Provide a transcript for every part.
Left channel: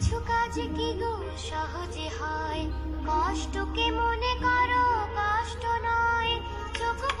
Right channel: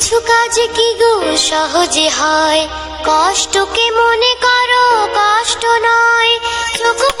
কিছু কাজ কি গো? সহজে হয়। কষ্টকে মনে করো? কষ্ট নয়। চোখ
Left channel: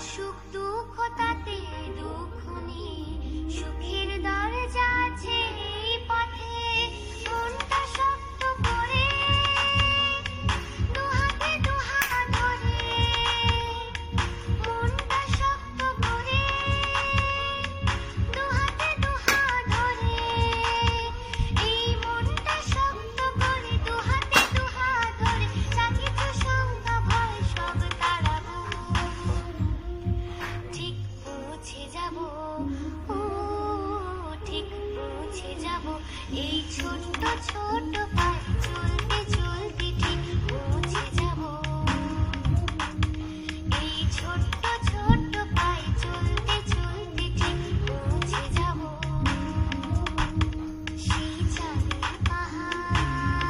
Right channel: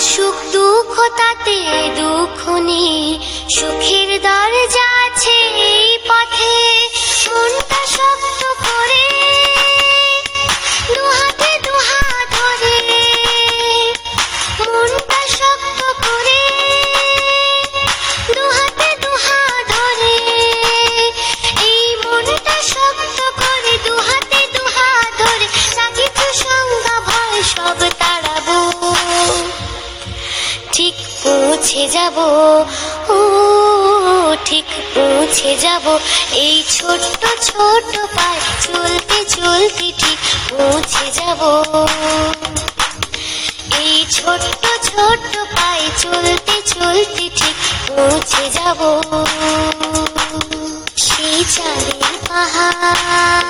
আসুক দুঃখ তাতে দুঃখ নেই। সুখের দরজা যাব। ও, ঠিক পৌঁছে যাব। এই ছোট্ট ছোট্ট পায়ে চলতে চলতে ঠিক পৌঁছে যাব। এই ছোট্ট ছোট্ট পায়ে চলতে চলতে ঠিক পৌঁছে যাব। সেই চাঁদের পাহাড়।